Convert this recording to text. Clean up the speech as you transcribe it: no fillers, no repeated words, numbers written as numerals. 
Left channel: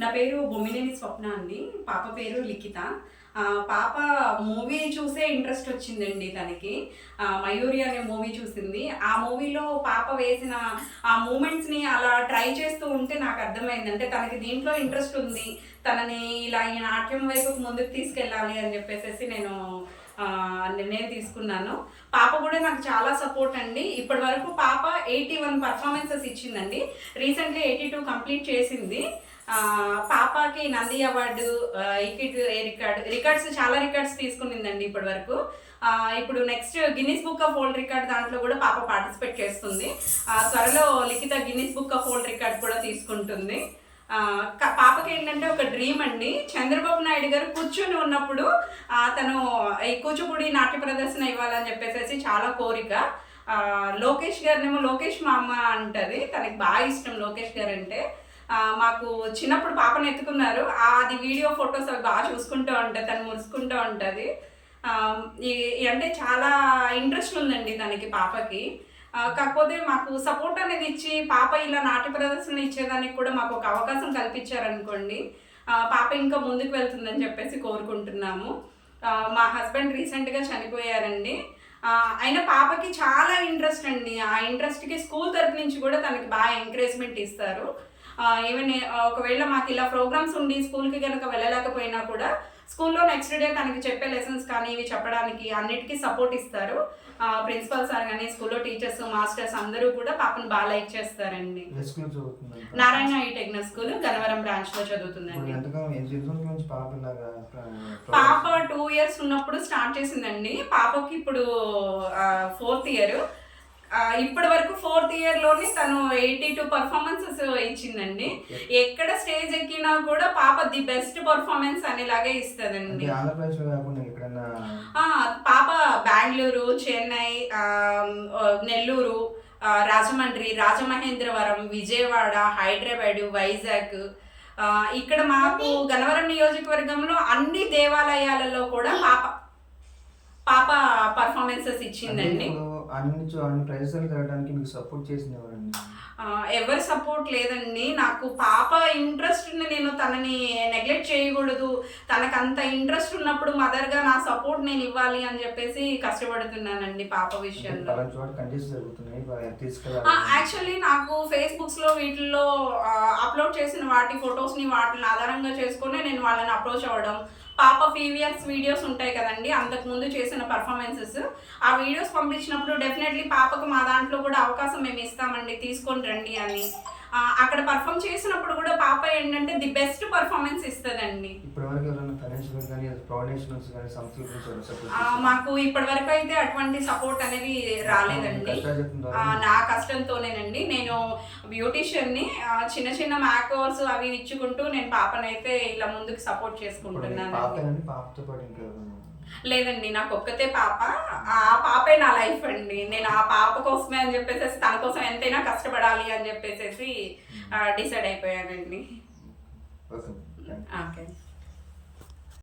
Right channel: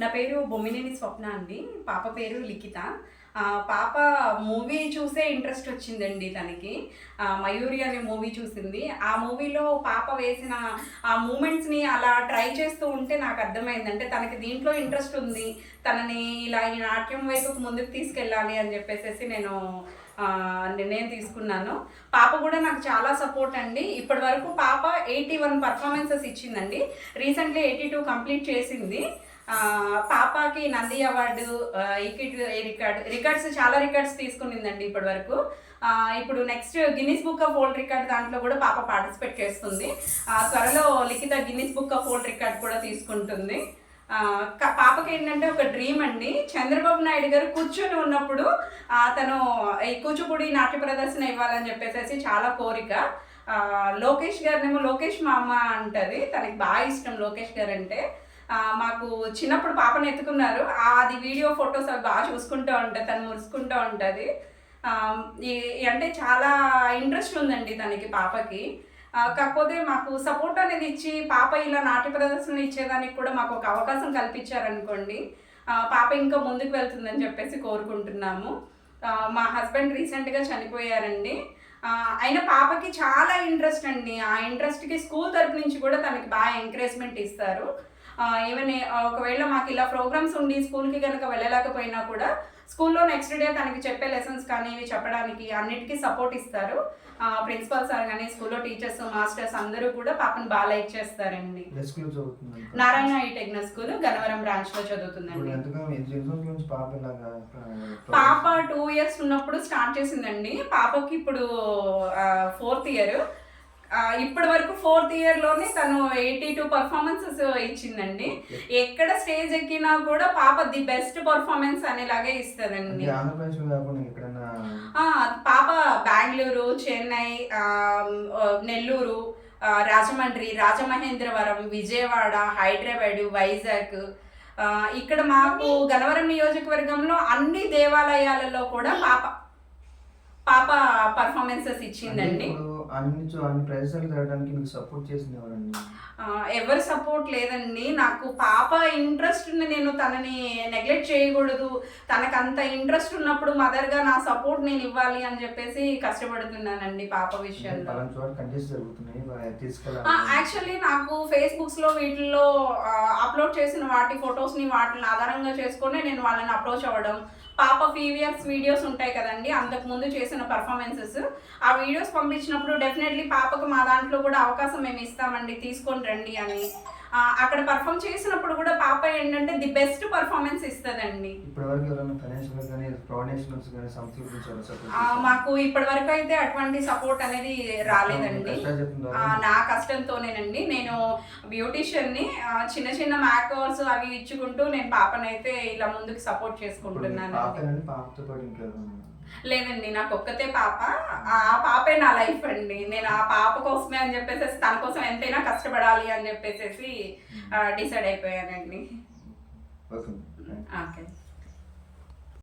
నా పేరు బొమ్మినేని స్వప్న అండి. పాప పేరు లిఖిత. పాప మూవీ చూసే ఇంట్రెస్ట్ వచ్చిందండి తనకి. 'మయూరి' అనే మూవీ చూసింది. ఆ మూవీలో పాప వేసిన ఆ మూమెంట్స్‌ని అలా ట్రై చేస్తూ ఉంటే నాకు అర్థమైంది. అంటే తనకి దీంట్లో ఇంట్రెస్ట్ ఉంది. తనని ఇలా ఈ నాట్యం వైపుకు ముందుకు తీసుకెళ్ళాలి అని చెప్పేసేసి నేను నిర్ణయం తీసుకున్నాను. పాప కూడా నాకు చాలా సపోర్ట్ అండి. ఇప్పటి వరకు పాప 81 పర్ఫార్మెన్సెస్ ఇచ్చిందండి. రీసెంట్‌లీ 82 కంప్లీట్ చేసింది. పాపకి నంది అవార్డు, ఇకిట్ రికార్డ్స్ చాలా రికార్డ్స్ తీసుకునిందండి ఇప్పటి వరకు. ఇప్పుడు next Guinness book of world record దాంట్లో కూడా పాప పార్టిసిపేట్ చేస్తుంది. త్వరలో Likhitha Guinness book of world record కూడా తీసుకుంటుంది. పాపకి ఏంటంటే ఒక డ్రీమ్ అండి. చంద్రబాబు నాయుడు గారు కూర్చొని ఉన్నప్పుడు తను ఈ కూచిపూడి నాట్య ప్రదర్శన ఇవ్వాలని చెప్పేసి చాలా కోరిక. లోకేష్ గారినేమో లోకేష్ మా అమ్మ అంటది. తనకి బాగా ఇష్టం లోకేష్ గారు అంటే. మాకు చిన్నప్పుడు పాపను ఎత్తుకున్నారు. అది వీడియో ఫొటోస్ అవి బాగా చూసుకుంటూ ఉంటుంది. తను మురుసుకుంటూ ఉంటుంది. అంటే చాలా ఇంట్రెస్ట్ ఉందండి తనకి పాపకి. కాకపోతే మాకు సపోర్ట్ అనేది ఇచ్చి పాప ఇలా నాట్య ప్రదర్శనలు ఇచ్చేదానికి కూడా మాకు ఒక అవకాశం కల్పించారనుకోండి, పాప ఇంకా ముందుకు వెళ్తుందని చెప్పేసి కోరుకుంటున్నాము. మా హస్బెండ్ రీసెంట్గా చనిపోయారండి. అయినా పాపకి చాలా ఇంట్రెస్ట్ అండి. ఆ ఇంట్రెస్ట్కి స్కూల్ తరపు నుంచి కూడా తనకి బాగా ఎంకరేజ్మెంట్ ఇస్తారు. ఈవెన్ ఒకవేళ మాకు ఇలా ప్రోగ్రామ్స్ ఉండి స్కూల్కి కనుక వెళ్ళలేకపోయినా కూడా స్కూల్లో నెక్స్ట్ డే తనకి చెప్పే లెసన్స్ కానీ ఇవి చెప్పడానికి అన్నిటికీ సపోర్ట్ ఇస్తారు. ప్రిన్సిపల్ సార్ కానీ స్కూల్లో టీచర్స్ మాస్టర్స్ అందరూ కూడా పాపను బాగా లైక్ చేస్తారండి. నారాయణ టెక్నికల్ స్కూల్ గన్నవరం బ్రాంచ్లో చదువుతుందండి. పాప 2 years ఉన్నప్పుడు స్టార్ట్ చేసిందండి. పాపకి ఇప్పుడు 4th year. ఇప్పటి వరకు 4th yearలోనే తను 82 పర్ఫార్మెన్సెస్ ఇచ్చిందండి. ఎక్కడ స్టేజ్ ఎక్కినా కూడా పాప ది బెస్ట్ పర్ఫార్మెన్స్ అనేలాగే ఇస్తుందండి. పాప బెంగళూరు, చెన్నై, నెల్లూరు, రాజమండ్రి, రాజమహేంద్రవరం, విజయవాడ, హైదరాబాద్, వైజాగ్, ఇక్కడ మాకు గన్నవరం నియోజకవర్గంలో అన్ని దేవాలయాలలో కూడా పాప పర్ఫార్మెన్సెస్ ఇచ్చిందండి. ఎవరు సపోర్ట్ లేదండి. నాకు పాప ఇంట్రెస్ట్ని నేను తనని నెగ్లెక్ట్ చేయకూడదు. తనకు అంత ఇంట్రెస్ట్ ఉన్నప్పుడు మదర్గా నా సపోర్ట్ నేను ఇవ్వాలి అని చెప్పేసి కష్టపడుతున్నానండి పాప విషయంలో. యాక్చువల్లీ నాకు ఫేస్బుక్స్లో వీటిల్లో అప్లోడ్ చేసిన వాటి ఫొటోస్ని వాటిని ఆధారంగా చేసుకొని నేను వాళ్ళని అప్రోచ్ అవ్వడం. పాప ఫీవియర్స్ వీడియోస్ ఉంటాయి కదండి, అంతకుముందు చేసిన పర్ఫార్మెన్సెస్, ఆ వీడియోస్ పంపించినప్పుడు డెఫినెట్లీ పాపకు మా దాంట్లో కూడా అవకాశం మేము ఇస్తామండి, తీసుకొని రండి అని. అక్కడ పర్ఫామ్ చేసినప్పుడు కూడా పాప ఏంటంటే ది బెస్ట్ పర్ఫార్మెన్స్ ఇస్తుందండి. మాకు ఇప్పటి వరకు అయితే అటువంటి సపోర్ట్ అనేది రాలేదండి. నా కష్టంతోనేనండి. నేను బ్యూటీషియన్ని, చిన్న చిన్న మేకవర్స్ అవి ఇచ్చుకుంటూ నేను పాపనైతే ఇలా ముందుకు సపోర్ట్ చేసుకుంటున్నానండి. లేదండి, నాకు ఒక్కతే పాప. ఆ పాపే నా లైఫ్ అండి. నేను ఆ పాప కోసమే అని చెప్పేసి తన కోసం ఎంతైనా కష్టపడాలి అని చెప్పేసి డిసైడ్ అయిపోయానండి. ఓకే.